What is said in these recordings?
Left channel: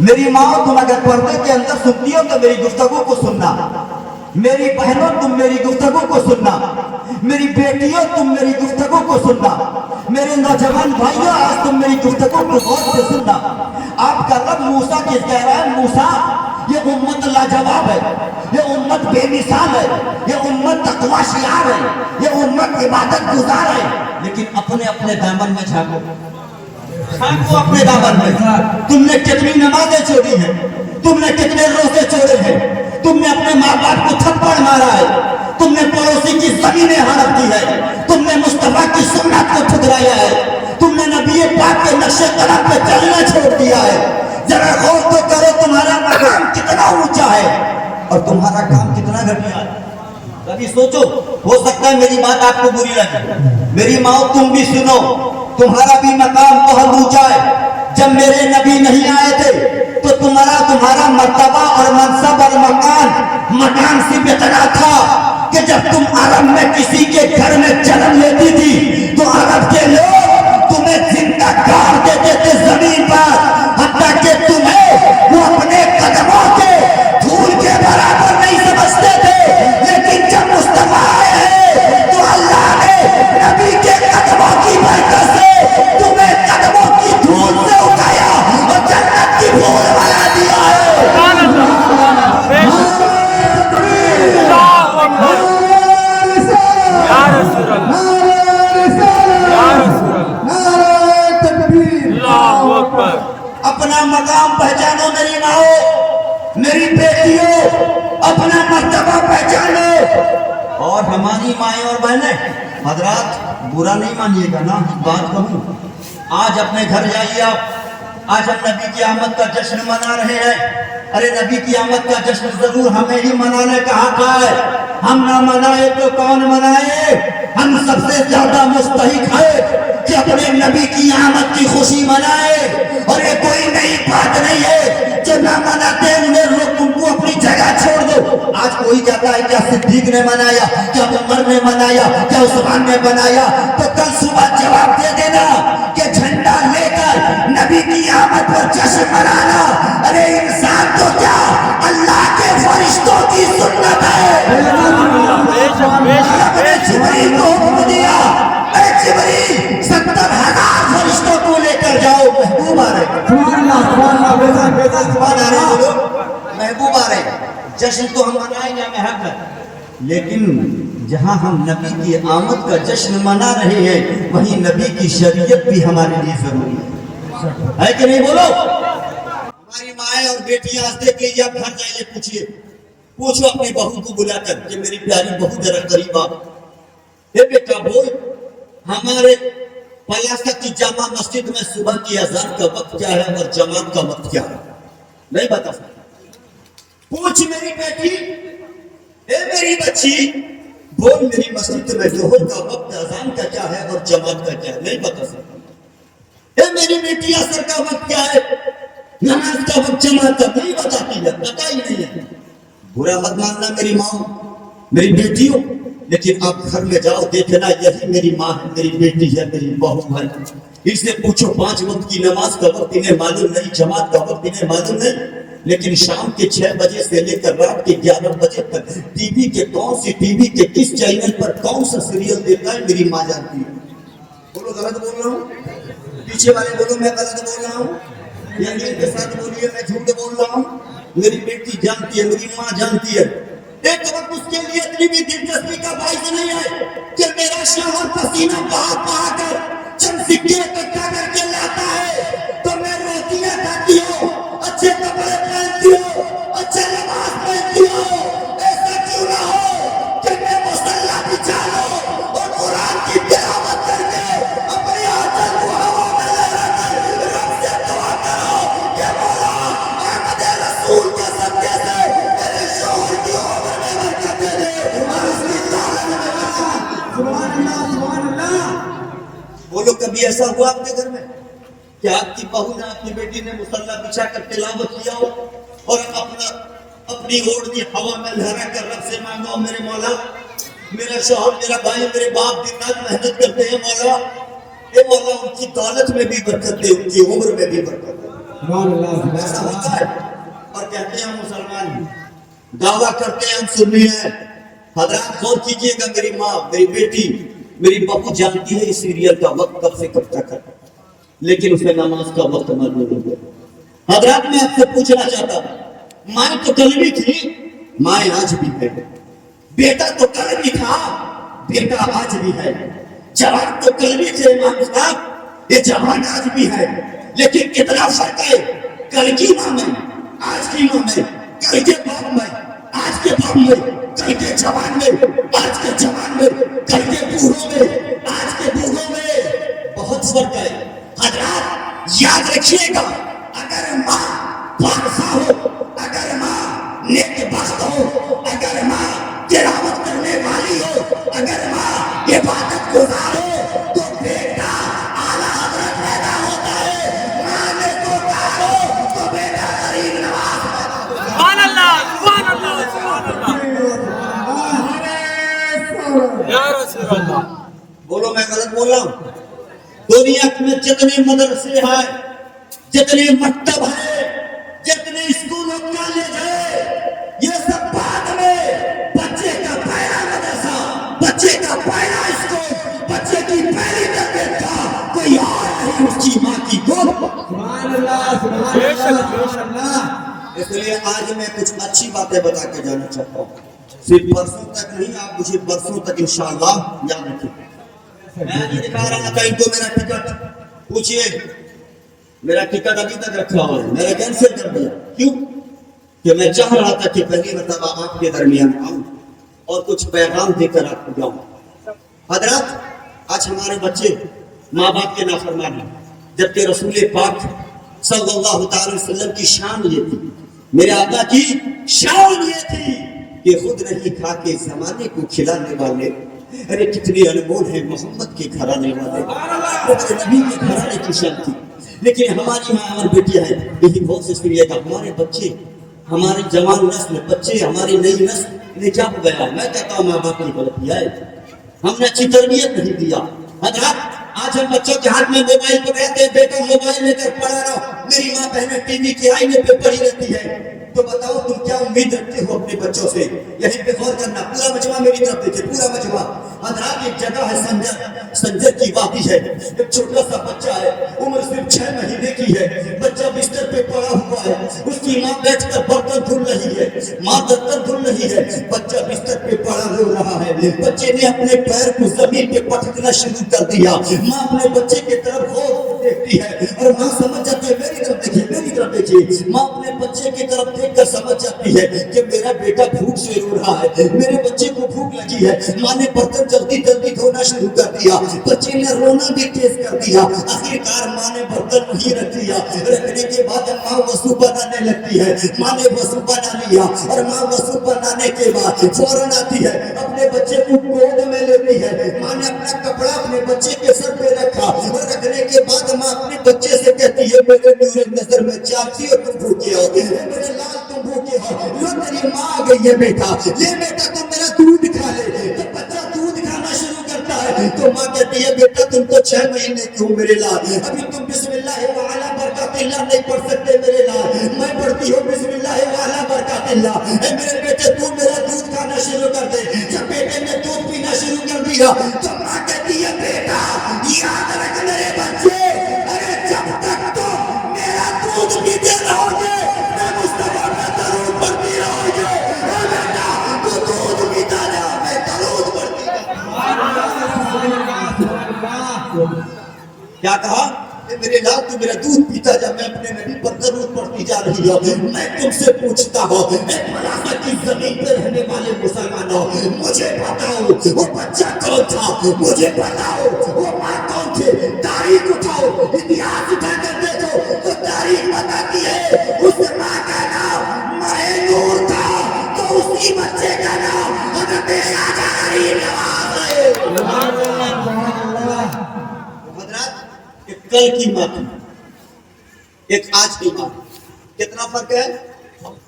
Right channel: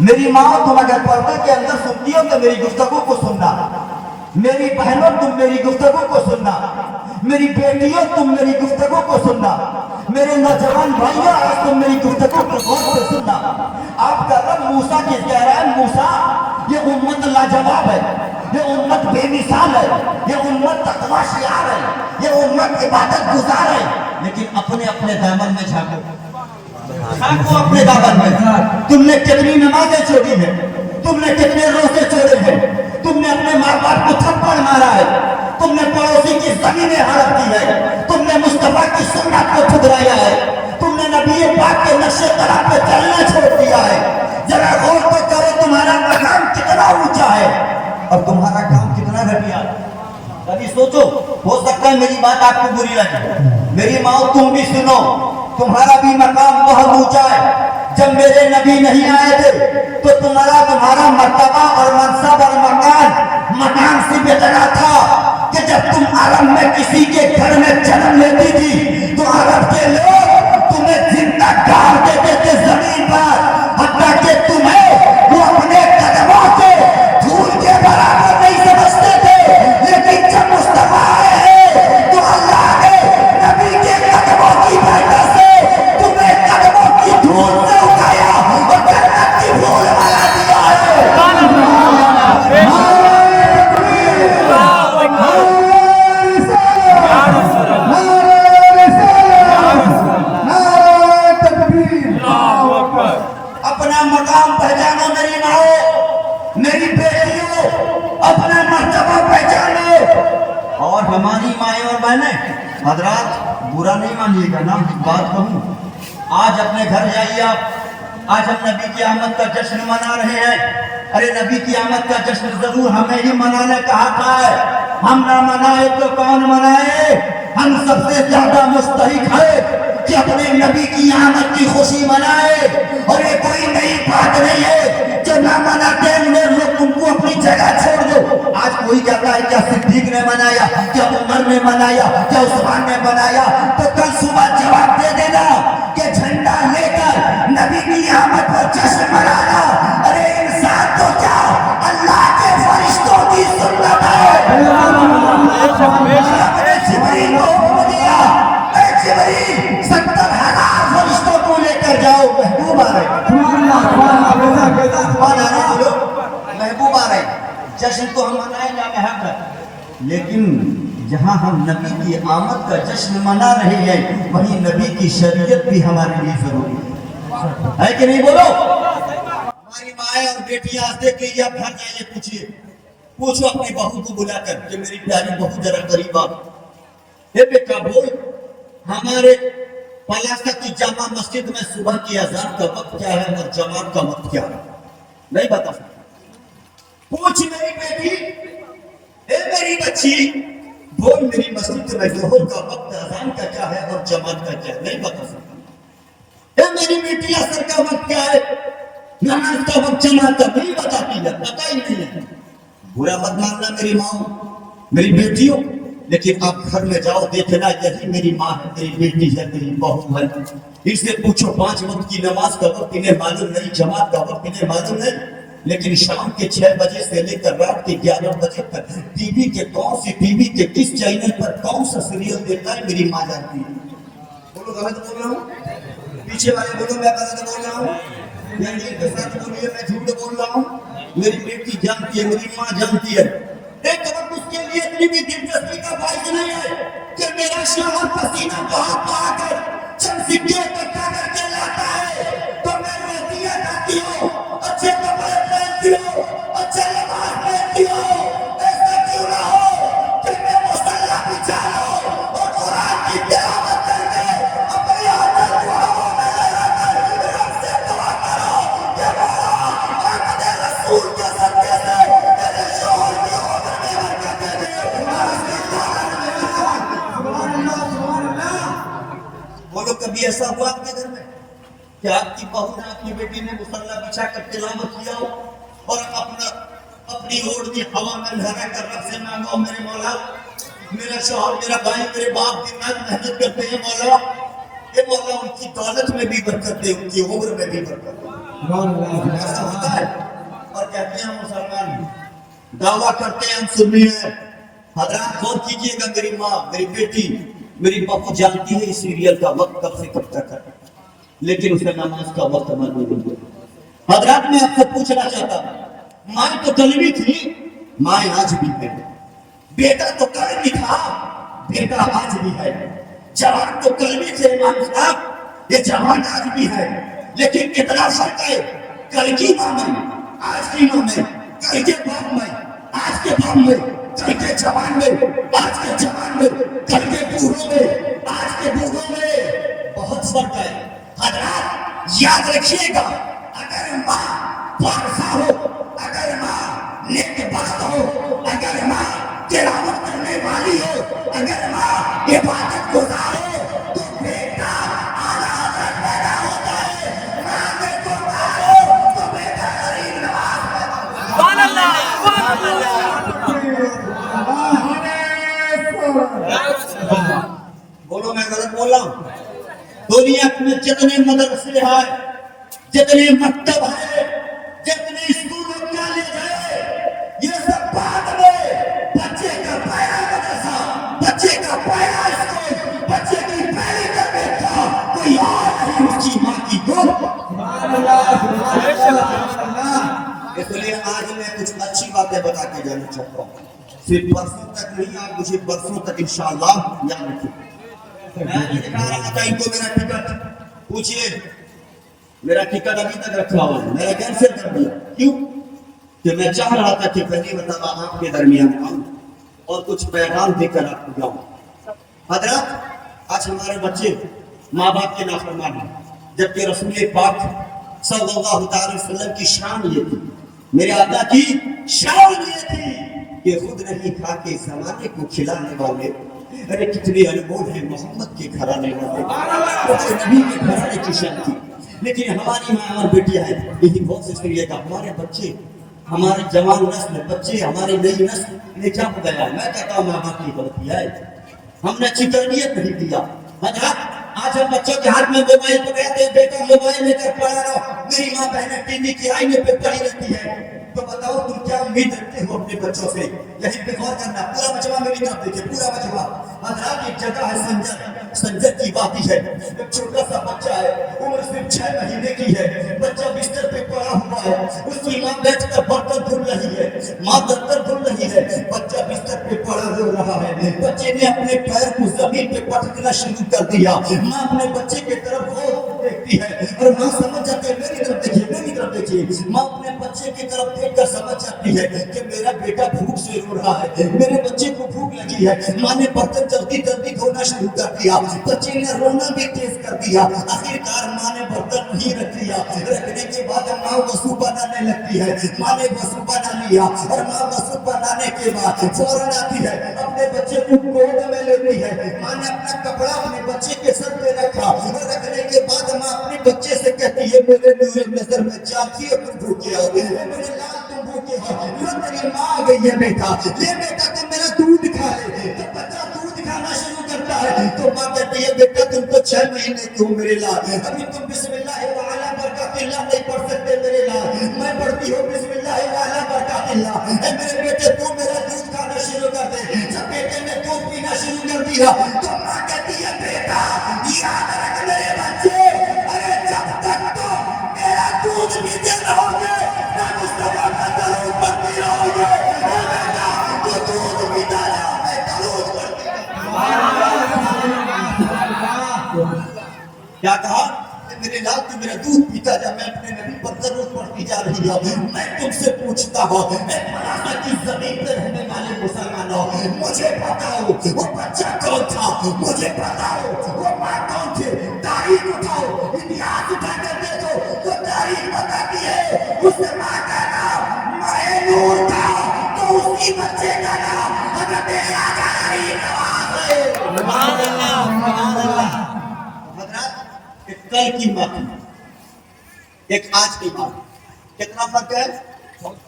میری ماں تم اگر پردے کے اندر سنتی ہو تو میری گفتگو کو سننا. میری بہنوں تم میری گفتگو کو سننا. میری بیٹیوں تم میری گفتگو کو سننا. میرے نوجوان بھائیوں آج تم میری گفتگو کو غور سے سننا. آپ کا رب موسیٰ کی کہہ رہا ہے موسیٰ یہ امت لاجواب ہے, یہ امت بے مثال ہے, یہ امت تقویٰ شعار ہے, یہ امت عبادت گزار ہے, لیکن اپنے اپنے دامن میں جھانکو اپنے دامن میں. تم نے کتنی نمازیں چھوڑی ہیں, تم نے کتنے روزے چھوڑے ہیں, تم نے اپنے ماں باپ کو تھپڑ مارا ہے, تم نے پڑوسی کی زمینیں ہڑپ دی ہے, تم نے مصطفیٰ کی سنت کو ٹھکرایا ہے, تم نے نبی پاک کے نقش قدم پہ چلنا چھوڑ دیا ہے. ذرا غور تو کرو تمہارا مقام کتنا اونچا ہے اور تمہارا کام کتنا گھٹیا ہے. کبھی سوچو, ہو سکتا ہے میری بات آپ کو بری لگے, میری ماں تم بھی سنو, تمہارا بھی مقام بہت اونچا ہے. جب میرے نبی نہیں آئے تھے تو تمہارا مرتبہ اور منصب اور مکان سے اتنا تھا کہ جب تم عرب میں کسی کے گھر میں جنم لیتی تھی تو عرب کے لوگ تمہیں زندہ گاڑ دیتے تھے زمین پر, حتیٰ کہ تمہیں وہ اپنے قدموں کے دھول کے برابر نہیں سمجھتے تھے. لیکن جب مصطفیٰ آئے ہیں تو اللہ نے نبی کے قدموں کی برکت سے تمہیں قدموں کی دھول سے اٹھایا اور جنت کی دھول بنا دیا ہے. اپنا مقام پہچانو میری ماں, میری بیٹیوں, اپنا مرتبہ پہچانو. اور ہماری مائیں اور بہنیں, حضرات برا نہیں مانیے گا نا بات کہوں, آج اپنے گھر جائیے آپ, آج ہم نبی کی آمد کا جشن منا رہے ہیں. ارے نبی کی آمد کا جشن ضرور ہمیں ہی منانے کا حق ہے, ہم نہ منائے تو کون منائے. ہم سب سے زیادہ مستحق ہے کہ اپنے نبی کی آمد کی خوشی منائے. اور یہ کوئی نئی بات نہیں ہے جو نہ مناتے ہیں انہیں لوگ تم کو اپنی جگہ چھوڑ دو. آج کوئی کہتا ہے کیا صدیق نے منایا, کیا عمر نے منایا, کیا عثمان نے منایا, تو کل صبح جواب دے دینا کہ جھنڈا لے کر نبی کی آمد پر جشن منانا. ارے انسان تو کیا اللہ کے فرشتوں کی سنت ہے. جبریل کو حکم دیا, اے جبریل 70,000 فرشتوں کو لے کر جاؤ, محبوب آ رہے, محبوب آ رہے. جشن تو ہم منائیں گے, ہمیں حق ہے, لیکن جہاں ہم نبی کی آمد کا جشن منا رہے ہیں وہیں نبی کی شریعت بھی ہمارے لیے ضروری ہے کہ نہیں؟ بولو. ہماری مائیں اور بیٹیاں آج دیکھ لیجیے, آپ گھر جائیے, پوچھو اپنی بہو کو بلا کر کہ میری پیاری بہو ذرا قریب آ, اے بیٹا بول ہمارے پلاست کی جامع مسجد میں صبح کی اذان کا وقت کیا ہے اور جماعت کا وقت کیا ہے؟ نہیں بتا سکتا. پوچھ میری بیٹی, اے میری بچی بول میری مسجد میں ظہر کا وقت اذان کا کیا ہے اور جماعت کا کیا ہے؟ نہیں بتا سکتا. اے میری بیٹی عصر کا وقت کیا ہے, نماز کا وقت جماعت کا نہیں بتاتی ہے, پتہ ہی نہیں ہے. برا مت ماننا میری ماں, میری بیٹیوں, لیکن آپ گھر میں جاؤ دیکھنا یہی میری ماں ہے, میری بیٹی ہے, میری بہو ہے. اس سے پوچھو 5 وقت کی نماز کا وقت انہیں معلوم نہیں, جماعت کا وقت انہیں معلوم نہیں, لیکن شام کے 6 بجے سے لے کر رات کے 11 بجے تک ٹی وی کے کون سی ٹی وی کے کس چینل پر کون سا سیریل دیکھنا ہے میری ماں جانتی ہے. بولو غلط بول رہا ہوں, پیچھے والے بولو میں غلط بول رہا ہوں, یہ کے ساتھ بولیے میں جھوٹ بول رہا ہوں. میری بیٹی جانتی ہے, میری ماں جانتی ہے. ایک وقت اس کے لیے اتنی بھی دلچسپی کا باعث نہیں ہے کہ میرا شوہر پسینہ بہا کر چند سکے اکٹھا کر کے لاتا ہے تو میں روٹیاں کھاتی ہوں, اچھے کپڑے پہنتی ہوں, اچھے لباس پہنتی ہوں. ایسا کیوں نہ ہو کہ میں مصلی بچھا لوں اور قرآن کی تلاوت کر کے اپنے آنچل کو ہوا میں لہرا کر رب سے دعا کرو کہ مولا احمد رسول کے صدقے سے میرے شوہر کی عمر میں برکت دے دے. بولو کبھی ایسا ہوا آپ کے گھر میں کہ آپ کی بہو نے, آپ کی بیٹی نے مصلی بچھا کر تلاوت کیا ہو اور اپنی اوڑھنی ہوا میں لہرا کر رب سے مانگو میرے مولا میرا شوہر, میرا بھائی, میرے باپ دن رات محنت کرتے ہیں, مولا اے مولا ان کی دولت میں بھی برکت دے, ان کی عمر میں بھی برکت دے. ایسا ہوتا ہے. कहते हैं हम मुसलमान हैं, दावा करते हैं हम सुन्नी हैं। हजरात गौर कीजिएगा, मेरी माँ, मेरी बेटी, मेरी बहू जानती है इस सीरियल का वक्त कब से कब तक है, लेकिन उसे नमाज का वक्त मालूम नहीं है। हजरात मैं आपसे पूछना चाहता हूँ, माँ तो कलमी थी, माँ आज भी है, बेटा तो कलमी था, बेटा आज भी है, जवान तो कलमी थे इमाम साहब, ये जवान आज भी है, लेकिन कितना फर्क है कल की माँ में, आज की माँ में, कल के बाप में, आज के बाप में, कल के जवान में, आज के जवान में, कल के बूढ़ों में, आज के बूढ़ों में बहुत फर्क है। हजरात याद रखिएगा, अगर माँ बादशाह हो, अगर माँ नेक बख्त हो, अगर माँ तिलावत करने वाली हो, अगर माँ इबादत गुज़ार हो, तो बेटा आला हज़रत पैदा होता है। माँ ने तो कहा हो तो बेटा गरीब नवाज सुभान अल्लाह, सुभान अल्लाह, सुभान अल्लाह। या रसूल अल्लाह। बोलो मैं गलत बोल रहा हूँ? दुनिया में जितने मदरसे हैं, जितने मकतब हैं, जितने स्कूल और कॉलेज हैं, ये सब बाद में बच्चे का पहला मदरसा, बच्चे का पहला स्कूल, बच्चे की पहली तरबियत का कोई और नहीं, उसकी माँ की गोद। सुभान अल्लाह, सुभान अल्लाह। इसलिए आज मैं कुछ अच्छी बातें बता के जाना चाहता हूँ, सिर्फ बरसों तक नहीं, आप मुझे बरसों तक इंशाअल्लाह याद रखिए। मैं ये दिखा रहा था इनको मेरा टिकट, पूछिए मेरा टिकट अभी तक रखा हुआ है, मेरा कैंसिल कर दिया, क्यों? कि मैं चाह रहा था कि पहली मरतबा आपके दरमियान आऊं और कुछ पैगाम देकर आपको जाऊं। हजरत आज हमारे बच्चे माँ बाप के नाफरमान हैं, जबकि रसूल पाक सल्लल्लाहु अलैहि वसल्लम की शान ये थी, मेरे आका की शान ये थी कि खुद नहीं खा के जमाने को खिलाने वाले, अरे कितने अनमोल है मोहम्मद के घराने वाले, नबी के घराने की शान थी। लेकिन हमारी माँ और बेटियां हैं, यही बहुत से करिएगा, हमारे बच्चे, हमारी जवान नस्ल बच्चे, हमारी नई नस्ल ने क्या गया, मैं कहता हूँ माँ बाप की गलती है, हमने अच्छी तरबियत नहीं दिया। आज हम बच्चों के हाथ में मोबाइल तो कहते हैं बेटा मोबाइल लेकर पढ़ा रहो, मेरी माँ बहनें टीवी के आईने पे पड़ी रहती है, तो बताओ तुम क्या उम्मीद रखते हो अपने बच्चों से? यहीं पे गौर करना, पूरा मजमा मेरी तरफ देखिए, पूरा मजमा। हजरात एक जगह है संजर की वादी है, एक छोटा सा बच्चा है, उम्र सिर्फ 6 महीने की है, बच्चा बिस्तर पे पड़ा हुआ है, उसकी माँ बैठकर बर्तन धुल रही है, माँ बर्तन धुल रही है, बच्चा बिस्तर पे पड़ा रो रहा है, बच्चे ने अपने पैर को जमीन पे पटकना शुरू कर दिया, माँ अपने बच्चे की तरफ देखती है और माँ समझ जाती है, मेरी तरफ देखिए, मेरी तरफ देखिए, माँ अपने बच्चे की तरफ देखकर समझ जाती है कि मेरा बेटा भूख से रो रहा है, मेरे बच्चे को भूख लगी है। माँ ने बर्तन जल्दी जल्दी धोना शुरू कर दिया, बच्चे ने रोना भी तेज कर दिया, आखिरकार माँ ने बर्तन नहीं रख लिया, रखने के बाद माँ वसू बनाने लगती है, माँ ने वसू बना लिया और माँ वसू बनाने के बाद फौरन आती है, अपने बच्चे को गोद में लेती है, माँ ने अपना कपड़ा अपने बच्चे के सर पे रखा, रखने के बाद माँ अपने बच्चे से कहती है मेरे नजर में जानती हो तुम भूखे हो, मेरे लाल तुम भूखे हो, लो तेरी माँ आ गई है बेटा, ले बेटा तुम मेरा दूध खा ले। तो बच्चा दूध खाना शुरू करता है, तो माँ कहती है बेटा तुम तो 6 महीने की हो मेरे लाल, अभी तुम बिस्मिल्लाह वाला बरकातिल्लाह नहीं पढ़ सकते मेरे लाल, मैं पढ़ती हूँ बिस्मिल्लाह वाला बरकातिल्लाह, मेरे बेटे तू मेरा दूध खाना शुरू कर दे। जब बेटे ने दूध पीना शुरू कर दिया तो माँ कहती है बेटा याद रख मेरे बच्चे, अरे जब तक तुम मेरा दूध पीते रहोगे मैं मुस्तफा का दरूद पढ़ती रहोगे, बेटा तू दूध पीता रहो मैं दरूद पढ़ती रहूं। क्या कहा? मेरे लाल तू मेरा दूध पीता जा, मैं अपने नबी पर दरूद पढ़ती जा रही हूँ। मैं तुमसे पूछता हूँ, की जमीन पर रहने वाले मुसलमानों, मुझे बताओ वो बच्चा कौन था, मुझे बताओ वो माँ कौन थे, तारीख उठाओ, इतिहास उठा कर देखो, वो तारीख बताती है उस माँ का नाम मैनूर था, तो उसी बच्चे का नाम हज़रत ख्वाजा गरीब नवाज है। कल की माँ एक आज की माँ, कितना फर्क है,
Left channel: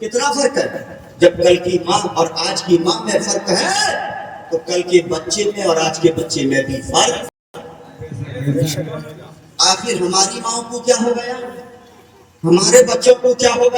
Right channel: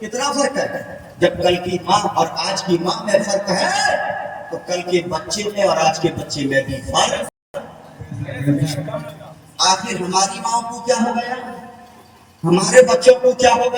कितना फर्क है? जब कल की माँ और आज की माँ में फर्क है तो कल के बच्चे में और आज के बच्चे में भी फर्क। आखिर हमारी माँ को क्या हो गया, हमारे बच्चों को क्या हो गया?